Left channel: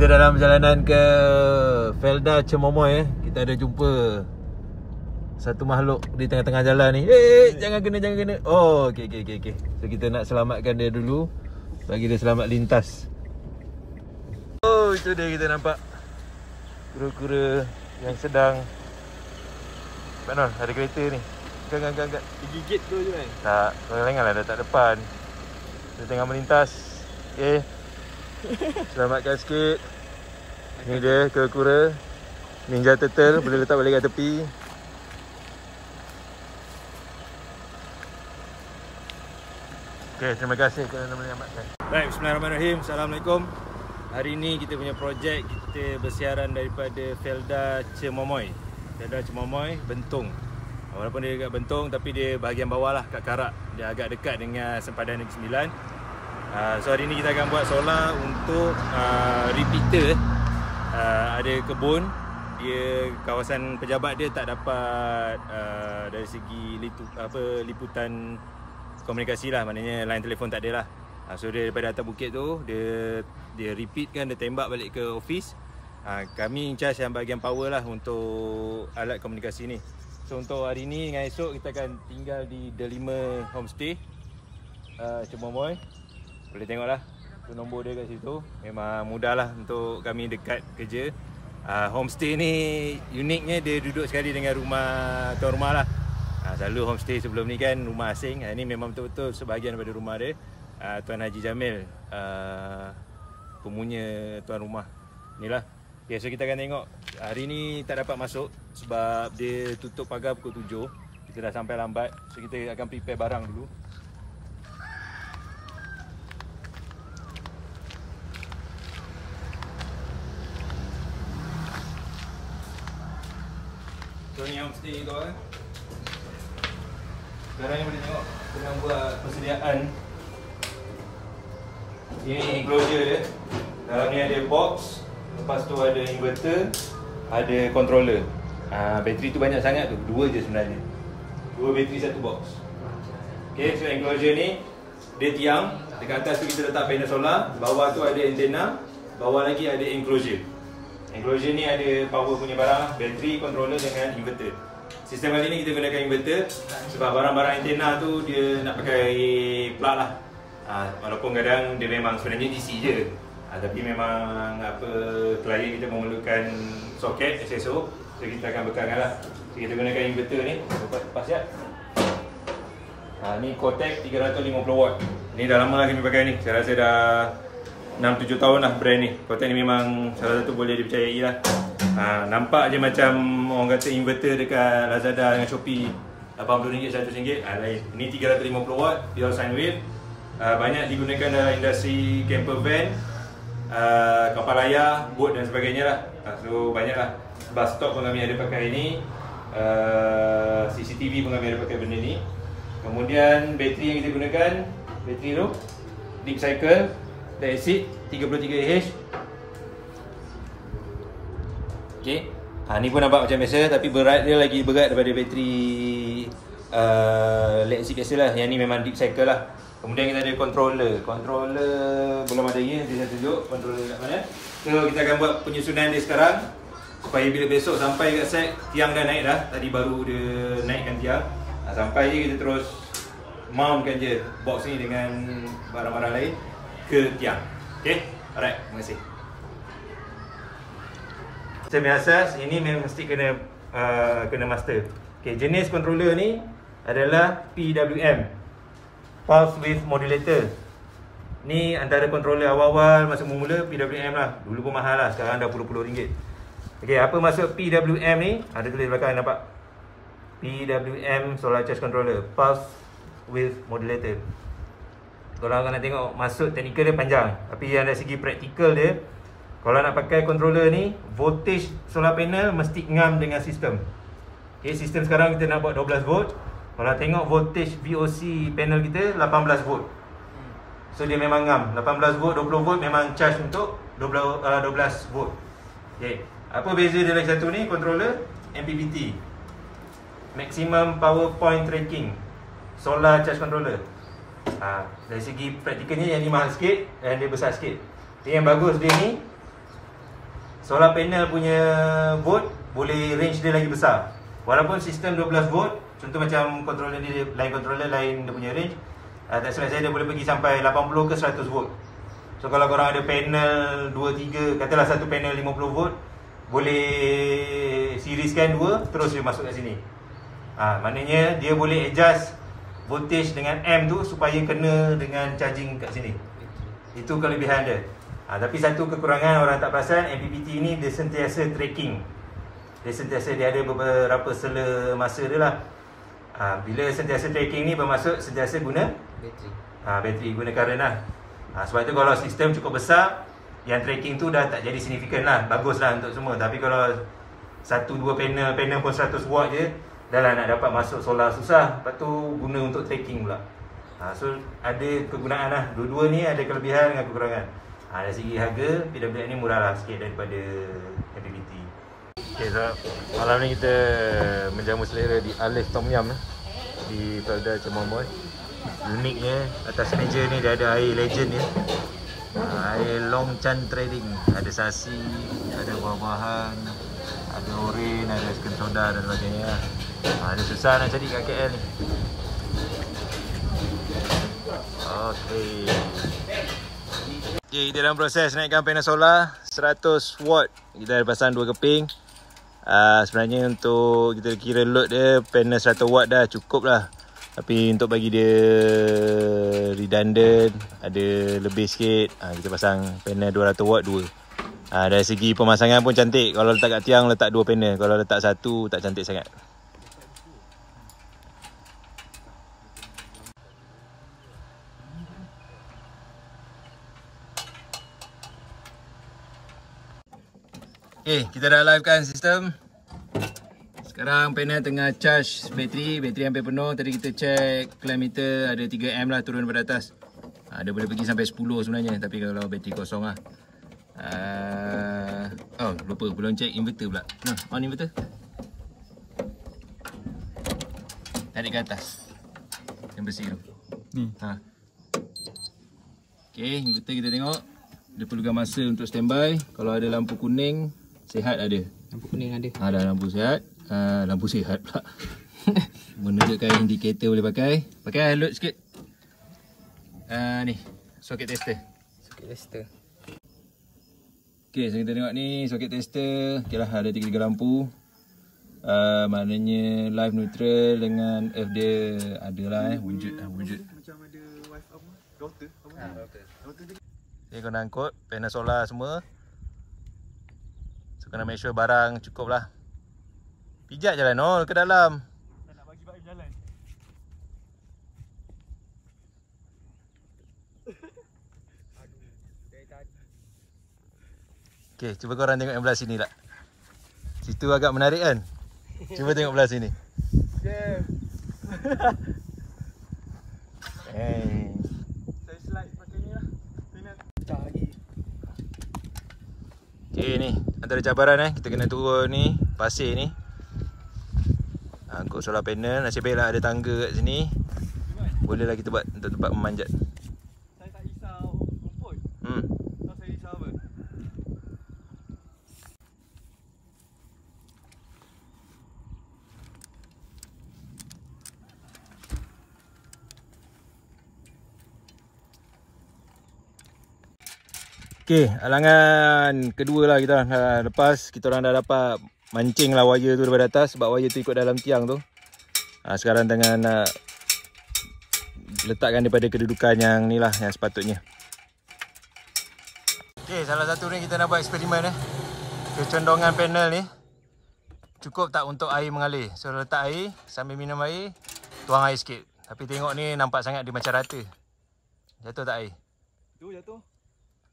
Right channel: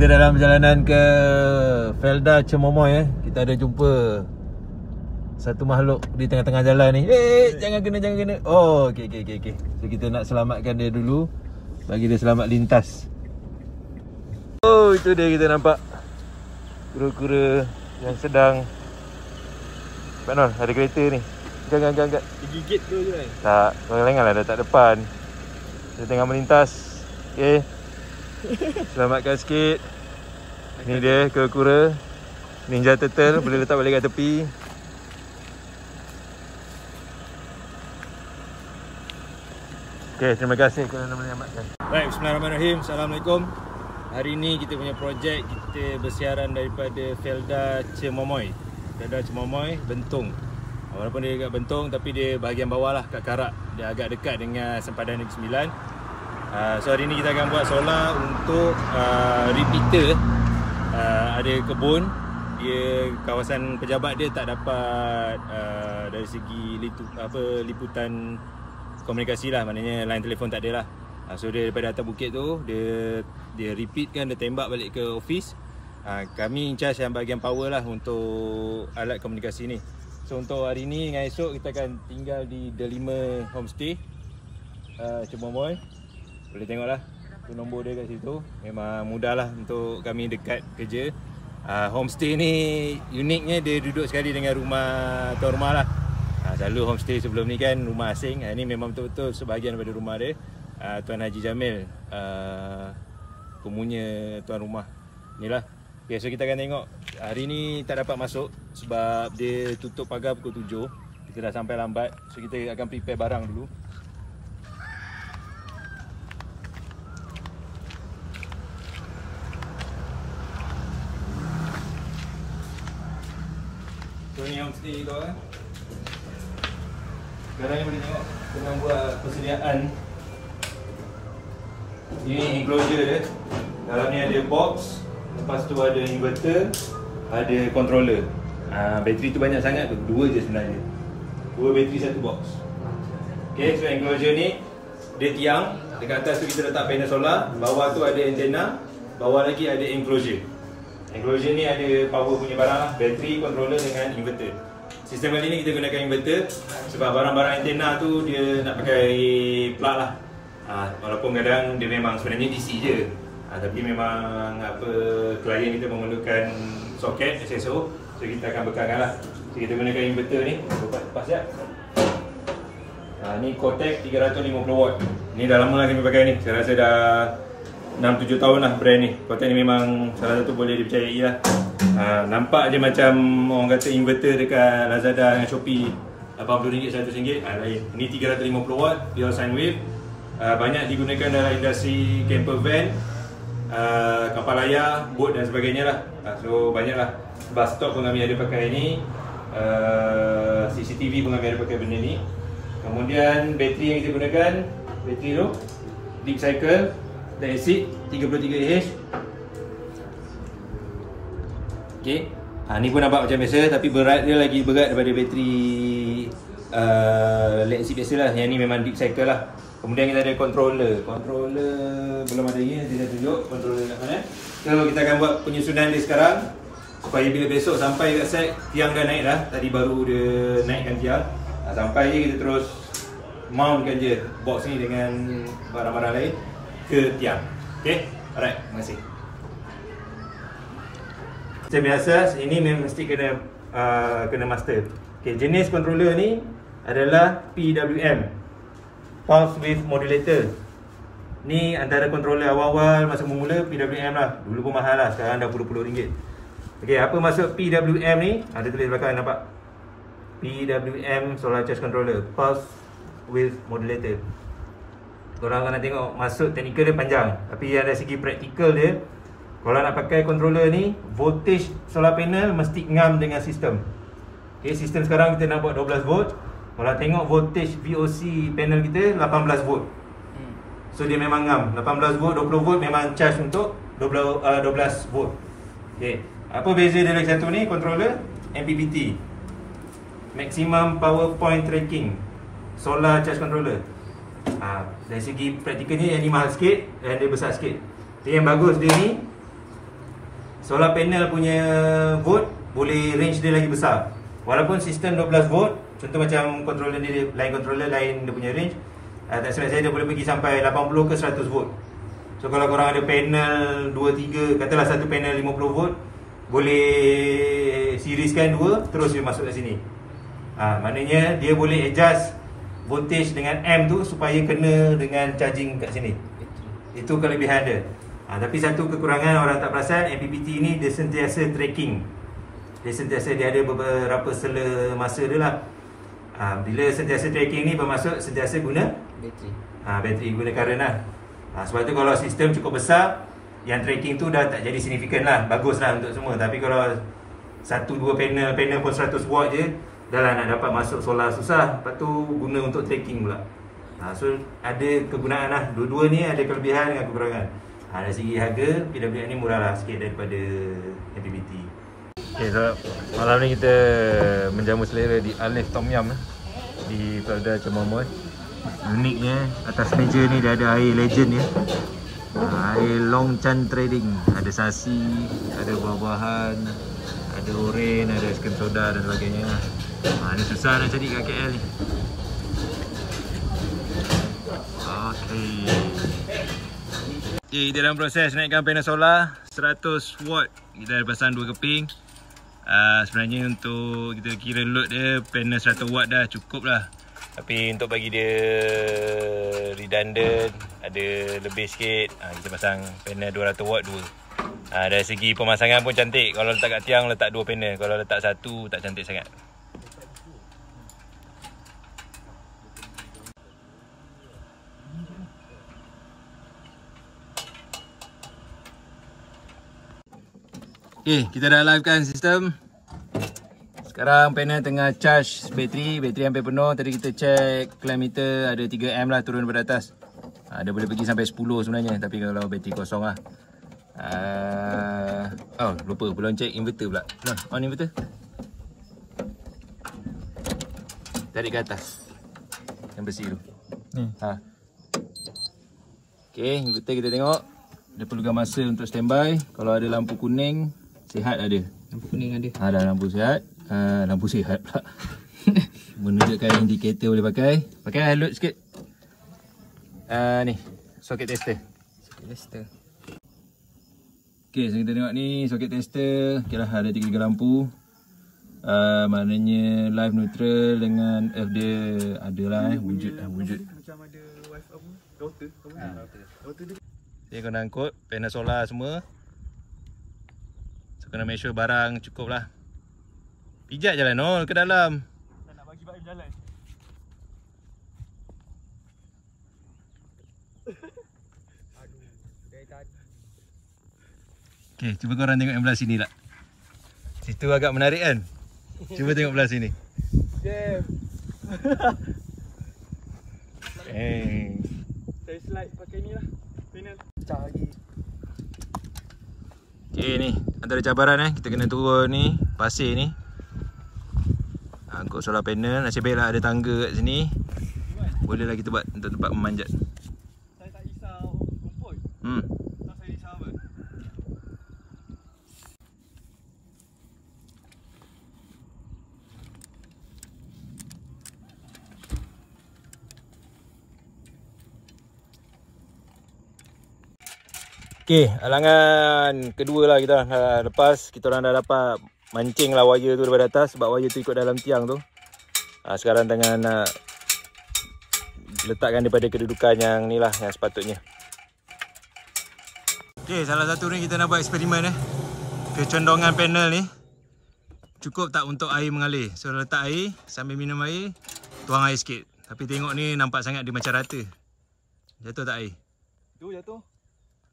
kita dalam perjalanan ke Felda Cemomoy. Kita ada jumpa satu makhluk di tengah-tengah jalan ni. Jangan kena. Oh, okey. So kita nak selamatkan dia dulu, bagi dia selamat lintas. Oh, itu dia, kita nampak kura-kura yang sedang Pak ada kereta ni. Angkat. Digigit tu je kan? Tak, kau lengah lah, dah tak depan. Dia tengah melintas. Okey, selamatkan sikit. Ni dia kura-kura Ninja Turtle, boleh letak balik kat tepi. Okey, terima kasih kerana menyelamatkan. Baik, bismillahirrahmanirrahim. Assalamualaikum. Hari ni kita punya projek, kita bersiaran daripada Felda Cemomoy. Felda Cemomoy, Bentong. Walaupun dia dekat Bentong, tapi dia bahagian bawah lah, kat Karak. Dia agak dekat dengan sempadan Negeri Sembilan. So hari ni kita akan buat solar untuk repeater. Ada kebun, dia kawasan pejabat dia tak dapat dari segi liputan komunikasi lah, maknanya line telefon tak ada lah. So dia daripada atas bukit tu, dia repeatkan, dia tembak balik ke office. Kami in charge yang bahagian power lah untuk alat komunikasi ni. So untuk hari ni dengan esok kita akan tinggal di Delima Homestay Cemomoy. Boleh tengok lah tu nombor dia kat situ. Memang mudah lah untuk kami dekat kerja. Homestay ni uniknya dia duduk sekali dengan rumah tuan rumah lah. Selalu homestay sebelum ni kan rumah asing. Ini memang betul-betul sebahagian daripada rumah dia. Tuan Haji Jamil, pemunya tuan rumah. Inilah. Okay, so kita akan tengok. Hari ni tak dapat masuk sebab dia tutup pagar pukul 7. Kita dah sampai lambat. So kita akan prepare barang dulu. So ni homestay tu kan. Sekarang ni boleh tengok tengah buat persediaan. Ini enclosure dia. Dalam ni ada box. Lepas tu ada inverter, ada controller. Bateri tu banyak sangat tu, 2 je sebenarnya. 2 bateri satu box. Okay, so enclosure ni dia tiang. Dekat atas tu kita letak panel solar. Bawah tu ada antena. Bawah lagi ada enclosure. Enclosure ni ada power punya barang, bateri, controller dengan inverter. Sistem kali ni kita gunakan inverter sebab barang-barang antena tu dia nak pakai plug lah. Walaupun kadang dia memang sebenarnya DC je. Tapi memang klien kita memerlukan soket SSO, so kita akan bekalkan lah. So kita gunakan inverter ni. Lepas siap. Ni Cortec 350 watt. Ni dah lama lah kami pakai ni. Saya rasa dah 6-7 tahun lah brand ni. Cortec ni memang salah satu boleh dipercayai lah. Nampak je macam orang kata inverter dekat Lazada dengan Shopee RM80, RM100. Lain. Ini 350 watt, dual sine wave. Banyak digunakan dalam industri camper van, kapal layar, bot dan sebagainya lah. So banyak lah. Bus stop pun kami ada pakai ni, CCTV pun kami ada pakai benda ni. Kemudian bateri yang kita gunakan, bateri tu Deep Cycle lead acid 33Ah. Okay. Ni pun nampak macam biasa, tapi berat dia lagi berat daripada bateri lead acid biasa lah. Yang ni memang Deep Cycle lah. Kemudian kita ada controller. Controller belum ada lagi, nanti saya tunjuk controller kat mana. So kita akan buat penyusunan dia sekarang, supaya bila besok sampai kat site, tiang dah naik dah. Tadi baru dia naikkan tiang. Sampai je kita terus mountkan je box ni dengan barang-barang lain ke tiang. Okay, alright, terima kasih. Macam biasa, ini mesti kena master. Okay, jenis controller ni adalah PWM, Pulse Width Modulator. Ni antara controller awal-awal masa mula PWM lah. Dulu pun mahal lah, sekarang dah puluh-puluh ringgit. Okay, apa maksud PWM ni? Ada tulis belakang, nampak? PWM Solar Charge Controller, Pulse Width Modulator. Korang akan nak tengok maksud teknikal dia panjang, tapi yang dari segi praktikal dia, kalau nak pakai controller ni, voltage solar panel mesti ngam dengan sistem. Okay, sistem sekarang kita nak buat 12 volt. Kalau tengok voltage VOC panel kita 18 volt. So dia memang ngam. 18 volt, 20 volt memang charge untuk 12 volt. Okay. Apa beza dia lagi satu ni? Controller MPPT, Maximum Power Point Tracking Solar Charge Controller. Dari segi praktikalnya yang ni mahal sikit dan dia besar sikit. Yang bagus dia ni, solar panel punya volt boleh range dia lagi besar. Walaupun sistem 12 volt, contoh macam controller dia, lain controller lain dia punya range, tak silap saya dia boleh pergi sampai 80 ke 100 volt. So kalau korang ada panel 2, 3, katalah satu panel 50 volt, boleh serieskan dua, terus dia masuk kat sini. Maknanya dia boleh adjust voltage dengan amp tu supaya kena dengan charging kat sini. Itu kelebihan dia. Tapi satu kekurangan orang tak perasan, MPPT ni dia sentiasa tracking. Dia ada beberapa sela masa dia lah. Bila sentiasa tracking ni bermaksud sentiasa guna bateri. Bateri guna current lah. Sebab tu kalau sistem cukup besar, yang tracking tu dah tak jadi signifikan lah. Bagus lah untuk semua. Tapi kalau 1-2 panel pun 100 watt je, dah lah nak dapat masuk solar susah. Lepas tu guna untuk tracking pula. So ada kegunaan lah. Dua-dua ni ada kelebihan dengan kekurangan. Dari segi harga, PWM ni murah lah sikit daripada MPPT. Okay, so malam ni kita menjamu selera di Alif Tom Yum di Felda Cemomoy. Uniknya atas meja ni dia ada air legend ya. Air Long Chan Trading. Ada sasi, ada buah-buahan, ada oren, ada sken soda dan sebagainya. Ini susah nak cari kat KL ni. Okay, kita dalam proses naikkan panel solar 100 watt. Kita dah pasang 2 keping. Sebenarnya untuk kita kira load dia, panel 100 watt dah cukup lah. Tapi untuk bagi dia redundant, ada lebih sikit, kita pasang panel 200 watt 2. Dari segi pemasangan pun cantik. Kalau letak kat tiang, letak 2 panel. Kalau letak 1, tak cantik sangat. Okay, kita dah livekan sistem. Sekarang panel tengah charge bateri hampir penuh. Tadi kita check clamp meter ada 3 amp lah turun daripada atas. Dia boleh pergi sampai 10 sebenarnya, tapi kalau bateri kosong lah. Lupa belum check inverter pula. On inverter. Tarik ke atas yang bersih tu. Okay, inverter kita tengok. Dia perlukan masa untuk standby. Kalau ada lampu kuning, sihat ada. Lampu kuning ada. Ada lampu sihat. Lampu sihat pula. Menunjukkan indikator boleh pakai. Pakai load sikit. Ni, soket tester. Soket tester. Okay, so kita tengok ni soket tester. Okay lah, ada 3 lampu. Maknanya live neutral dengan F dia adalah wujud. Macam ada wifi router. Jadi kena angkut panel solar semua. So kena make sure barang cukup lah. Pijat je lah Nol ke dalam. Tak nak bagi Baim jalan. Aduh, dari tadi. Okay, cuba korang tengok yang belah sini lah. Situ agak menarik kan? Cuba tengok belah sini. Okay. Saya slide pakai ni lah. Cari. Okay, ni antara cabaran kita kena turun ni pasir ni. Angkut solar panel. Nasib baiklah ada tangga kat sini. Bolehlah kita buat untuk tempat memanjat. Saya tak risau rumput. Tak saya risau apa? Okay, halangan kedua lah kita dah lepas. Kita orang dah dapat mancing lah wire tu daripada atas. Sebab wire tu ikut dalam tiang tu. Sekarang tengah nak letakkan daripada kedudukan yang ni lah, yang sepatutnya. Okay, salah satu ni kita nak buat eksperimen kecondongan panel ni cukup tak untuk air mengalir. So letak air, sambil minum air, tuang air sikit. Tapi tengok ni nampak sangat dia macam rata. Jatuh tak air? Tu jatuh.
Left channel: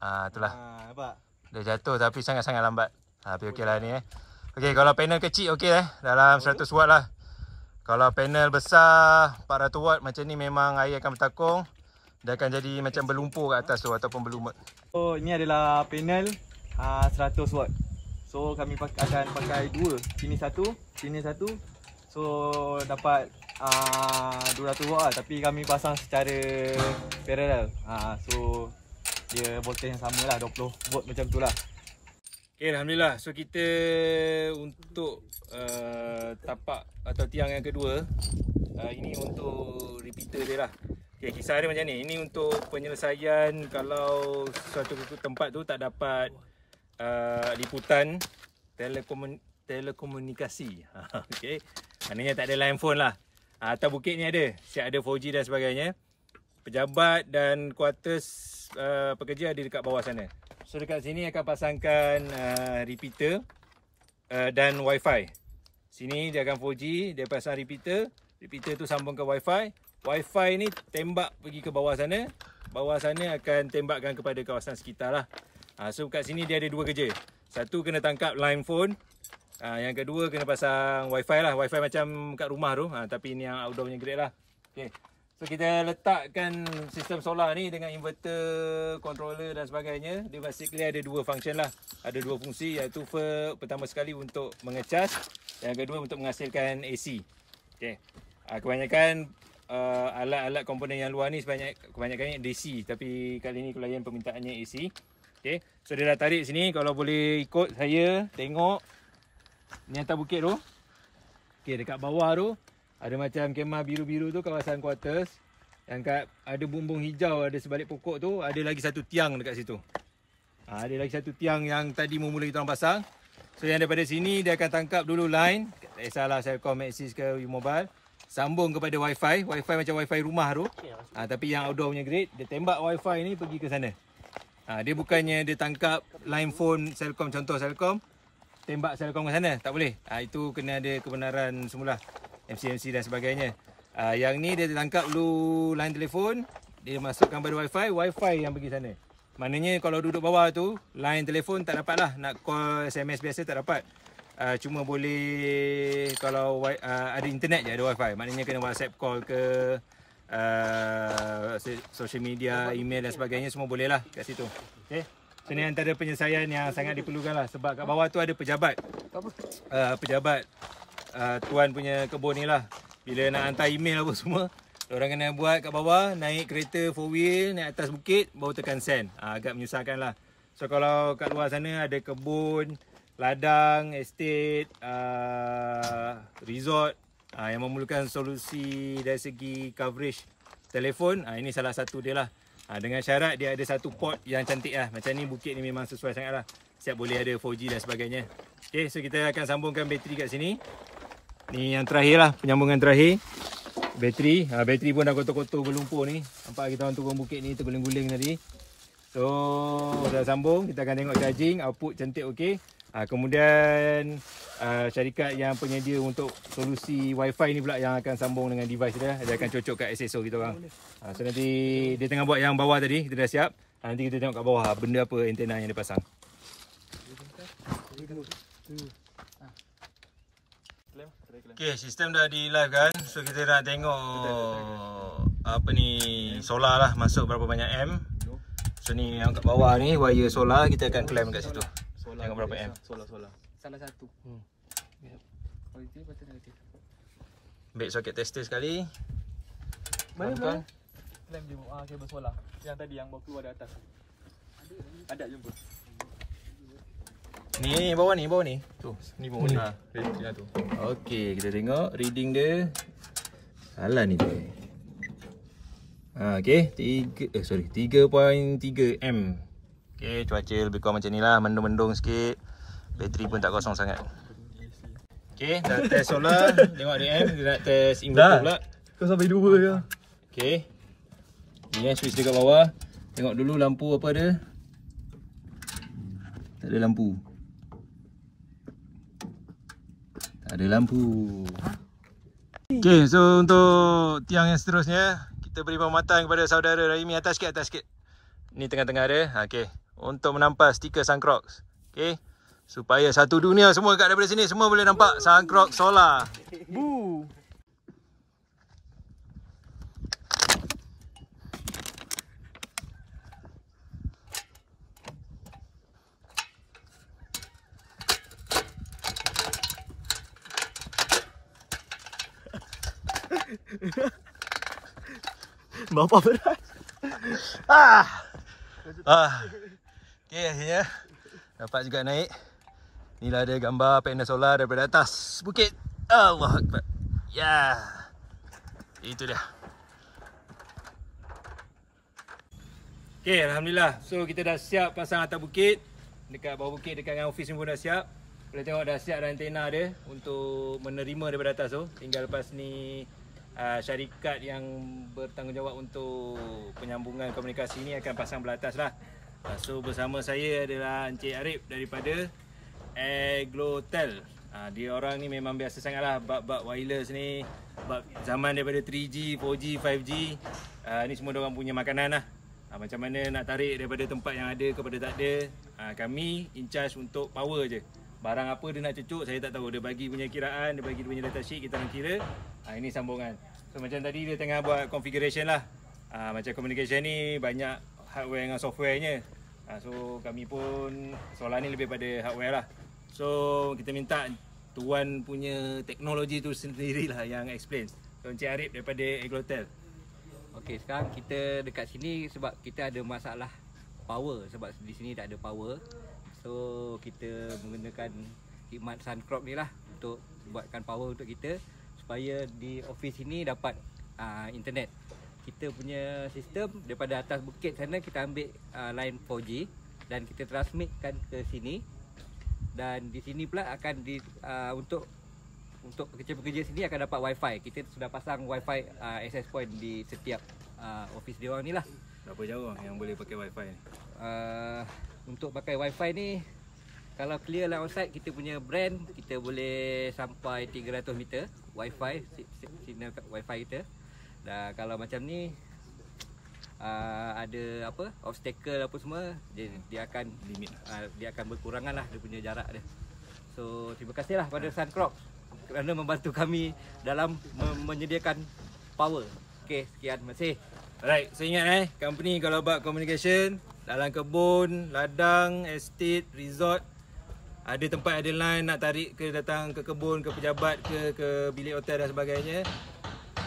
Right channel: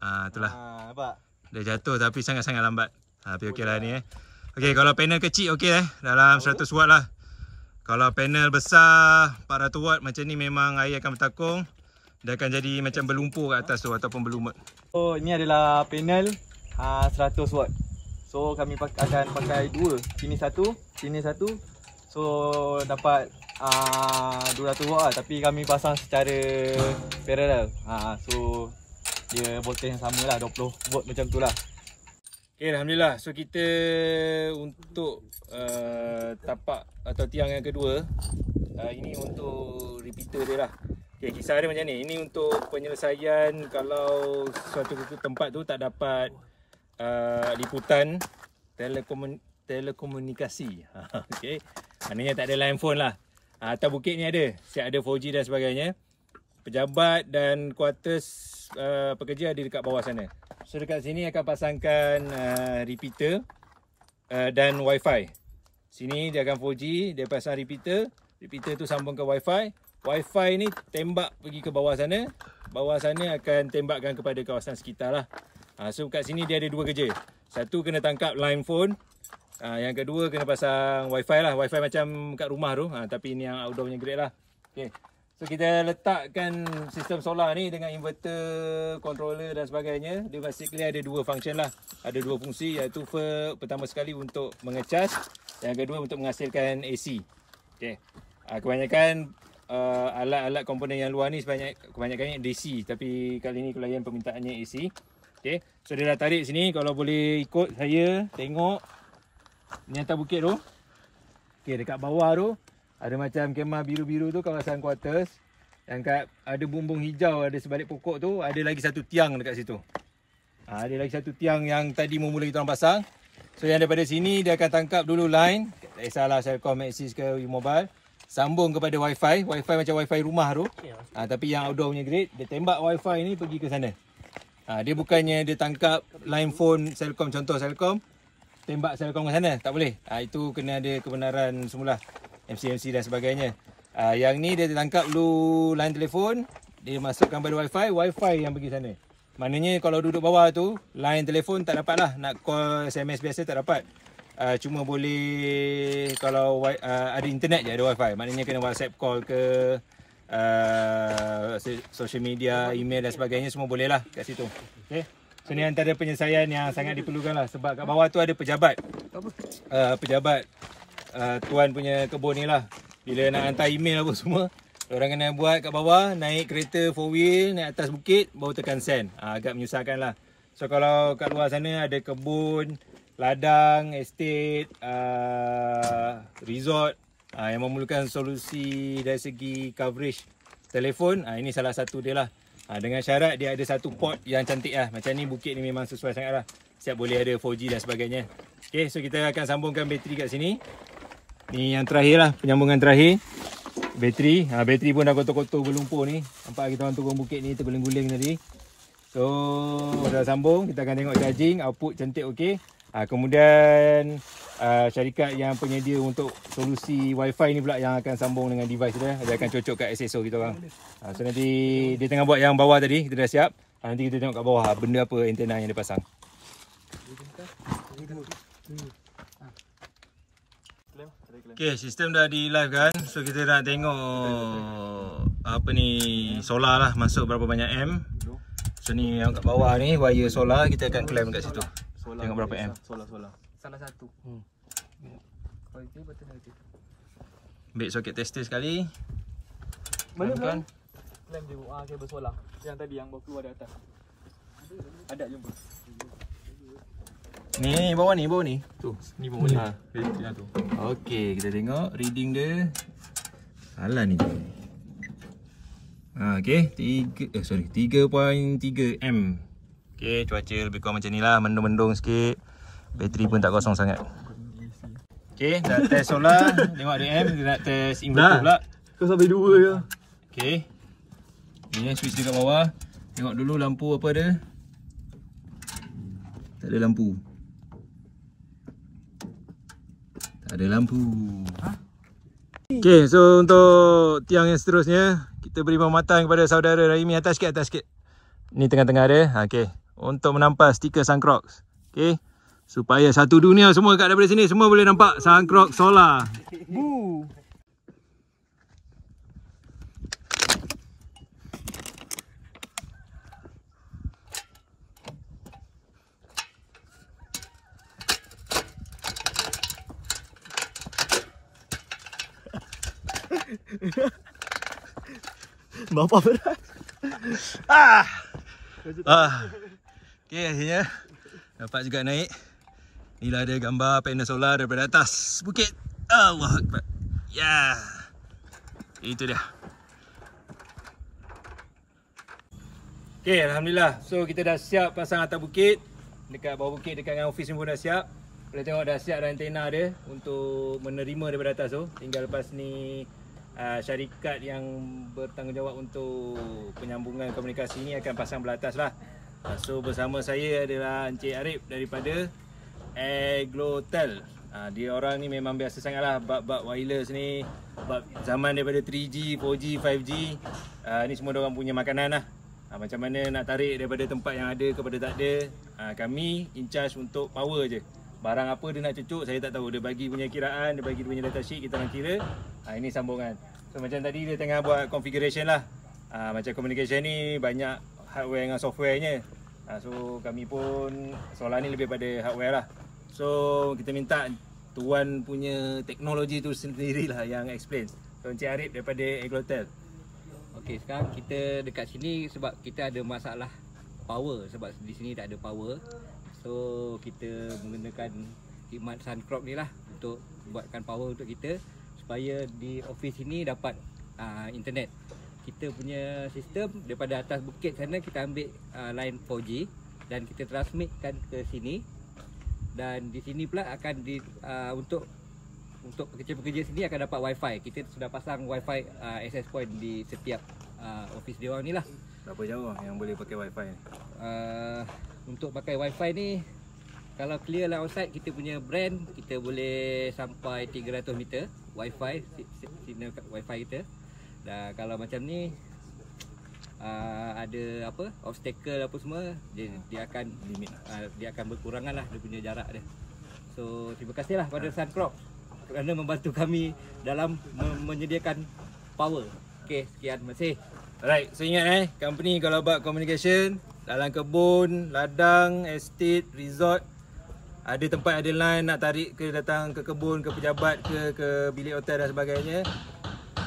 Itulah. Nampak? Dia jatuh tapi sangat-sangat lambat. Tapi okey lah ni Okey, kalau panel kecil okey dalam 100 watt lah. Kalau panel besar 400 watt macam ni memang air akan bertakung. Dia akan jadi macam berlumpur kat atas tu ataupun berlumut. So ini adalah panel 100 watt. So kami akan pakai dua. Sini satu. So dapat 200 watt lah. Tapi kami pasang secara parallel. So dia voltage yang sama lah, 20 volt macam tu lah. Okay, Alhamdulillah. So kita untuk tapak atau tiang yang kedua, ini untuk repeater dia lah. Okay, kisah dia macam ni. Ini untuk penyelesaian kalau suatu tempat tu tak dapat liputan telekomunikasi. Okay. Maknanya tak ada line phone lah. Atas bukit ni ada. Siap ada 4G dan sebagainya. Pejabat dan kuartus pekerja ada dekat bawah sana. So dekat sini akan pasangkan repeater dan wifi. Sini dia akan 4G, dia pasang repeater. Repeater tu sambung ke wifi. Wifi ni tembak pergi ke bawah sana. Bawah sana akan tembakkan kepada kawasan sekitar lah. So kat sini dia ada dua kerja. Satu kena tangkap line phone. Yang kedua kena pasang wifi lah. Wifi macam kat rumah tu. Tapi ni yang outdoor punya grade lah. Okay. So kita letakkan sistem solar ni dengan inverter, controller dan sebagainya. Dia basically ada dua function lah. Ada dua fungsi, iaitu pertama sekali untuk mengecas, yang kedua untuk menghasilkan AC. Okay. Kebanyakan alat-alat komponen yang luar ni kebanyakannya DC, tapi kali ni klien permintaannya AC. Okay. So dia dah tarik sini, kalau boleh ikut saya tengok ni atas bukit tu. Okay, dekat bawah tu ada macam kemah biru-biru tu kawasan quarters. Yang ada bumbung hijau ada sebalik pokok tu, ada lagi satu tiang dekat situ. Ada lagi satu tiang yang tadi mula kita orang pasang. So yang daripada sini dia akan tangkap dulu line, tak kisahlah Celcom, Maxis ke U-Mobile, sambung kepada wifi. Wifi macam wifi rumah tu. Tapi yang outdoor punya grade, dia tembak wifi ni pergi ke sana. Dia bukannya dia tangkap line phone Celcom, contoh Celcom, tembak Celcom ke sana, tak boleh. Itu kena ada kebenaran semula, MCMC dan sebagainya. Yang ni dia tangkap dulu line telefon, dia masukkan pada wifi, wifi yang pergi sana. Maknanya kalau duduk bawah tu, line telefon tak dapat lah. Nak call SMS biasa tak dapat. Cuma boleh kalau ada internet je ada wifi. Maknanya kena WhatsApp call ke social media, email dan sebagainya, semua boleh lah kat situ. Okay. So ni antara penyelesaian yang sangat diperlukan lah. Sebab kat bawah tu ada pejabat. Pejabat tuan punya kebun ni lah. Bila nak hantar email apa semua, orang kena buat kat bawah, naik kereta 4-wheel, naik atas bukit, baru tekan send. Agak menyusahkan lah. So kalau kat luar sana ada kebun, ladang, estate, resort yang memerlukan solusi dari segi coverage telefon, ini salah satu dia lah. Dengan syarat dia ada satu port yang cantik lah. Macam ni bukit ni memang sesuai sangat lah. Siap boleh ada 4G dan sebagainya. Okay, so kita akan sambungkan bateri kat sini. Ni yang terakhir lah, penyambungan terakhir. Bateri, bateri pun dah kotor-kotor berlumpur ni. Nampak kita orang turun bukit ni terguling-guling tadi. So dah sambung, kita akan tengok charging, output cantik okey. Kemudian syarikat yang penyedia untuk solusi wifi ni pula yang akan sambung dengan device dia. Dia akan cocok kat SSO kita orang. So nanti dia tengah buat yang bawah tadi, kita dah siap. Nanti kita tengok kat bawah benda apa antena yang dia pasang. Okay, sistem dah di live kan. So kita nak tengok apa ni, solar lah masuk berapa banyak M. So ni yang kat bawah ni wire solar, kita akan clamp kat situ. Tengok berapa M. Solar. Salah satu. Ambil soket tester sekali. Mana? Clamp dia kabel solar. Yang tadi yang baru keluar dari atas. Ada jumpa. Ni bawah ni. Tu. Ni bawah ni. Tu. Okey, kita tengok reading dia. Salah ni. Okey, 3.3 M. Okey, cuaca lebih kurang macam ni lah, mendung-mendung sikit. Bateri pun tak kosong sangat. Okey, dah test solar, tengok ada M, dia nak test inverter pula. Kau sampai 2 je. Okey. Ni switch dekat bawah. Tengok dulu lampu apa ada. Tak ada lampu. Ada lampu. Okay, so untuk tiang yang seterusnya, kita beri pematahan kepada saudara Rahimi. Atas sikit. Ni tengah-tengah dia. Okay, untuk menampas stiker Suncrocs. Okay, supaya satu dunia semua kat daripada sini semua boleh nampak Suncrocs solar. Bu. Bapak berat. Okay, akhirnya dapat juga naik. Inilah dia gambar panel solar daripada atas bukit. Allah Akbar. Ya. Itu dia. Okey, alhamdulillah. So kita dah siap pasang atas bukit. Dekat bawah bukit dekat dengan ofis ni pun dah siap. Boleh tengok dah siap dah antena dia untuk menerima daripada atas tu. Tinggal lepas ni syarikat yang bertanggungjawab untuk penyambungan komunikasi ni akan pasang belah atas lah. So bersama saya adalah Encik Arif daripada Aglotel. Dia orang ni memang biasa sangat lah bab wireless ni, bab zaman daripada 3G, 4G, 5G. Ni semua diorang punya makanan lah. Macam mana nak tarik daripada tempat yang ada kepada tak ada. Kami in charge untuk power je. Barang apa dia nak cucuk saya tak tahu. Dia bagi punya kiraan, dia bagi dia punya datasheet, kita orang kira. Ini sambungan. So macam tadi dia tengah buat configuration lah. Macam communication ni banyak hardware dengan softwarenya. So kami pun soalan ni lebih pada hardware lah. So kita minta tuan punya teknologi tu sendirilah yang explain. So Encik Arif daripada Aglotel. Okey, sekarang kita dekat sini sebab kita ada masalah power. Sebab di sini tak ada power. So kita menggunakan khidmat Suncrop ni lah untuk buatkan power untuk kita, supaya di office ini dapat internet. Kita punya sistem daripada atas bukit sana kita ambil line 4G dan kita transmitkan ke sini. Dan di sini pula akan untuk pekerja-pekerja sini akan dapat wifi. Kita sudah pasang wifi access point di setiap office dia orang ni lah. Berapa jauh yang boleh pakai wifi ni? Untuk pakai wifi ni, kalau clear line outside kita punya brand, kita boleh sampai 300 meter wifi, signal wifi kita. Dan kalau macam ni ada apa obstacle apa semua, dia akan limit, dia akan berkurangan lah dia punya jarak dia. So terima kasih lah pada Suncrop kerana membantu kami dalam menyediakan power. Okey, sekian, terima kasih. Alright, so ingat company kalau buat communication dalam kebun, ladang, estate, resort, ada tempat ada line nak tarik ke datang ke kebun, ke pejabat ke bilik hotel dan sebagainya.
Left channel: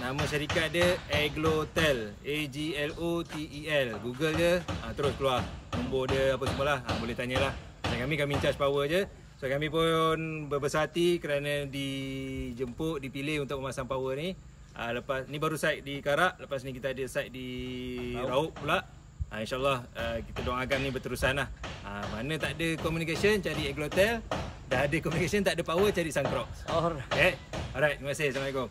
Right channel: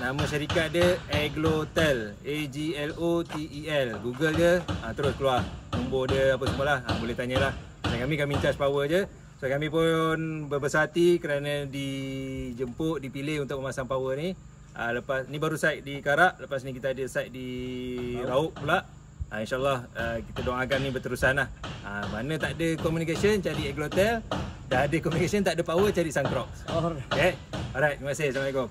Nama syarikat dia Aglotel, AGLOTEL. Google je, terus keluar nombor dia apa semualah. Boleh tanyalah. Dan kami in charge power je. So kami pun berbesar hati kerana dijemput, dipilih untuk memasang power ni. Lepas ni baru site di Karak, lepas ni kita ada site di Rauk pula. InsyaAllah kita doakan ni berterusan lah. Mana tak ada communication cari Aglotel, dah ada communication tak ada power cari Suncrop. Okay. Alright, terima kasih. Assalamualaikum.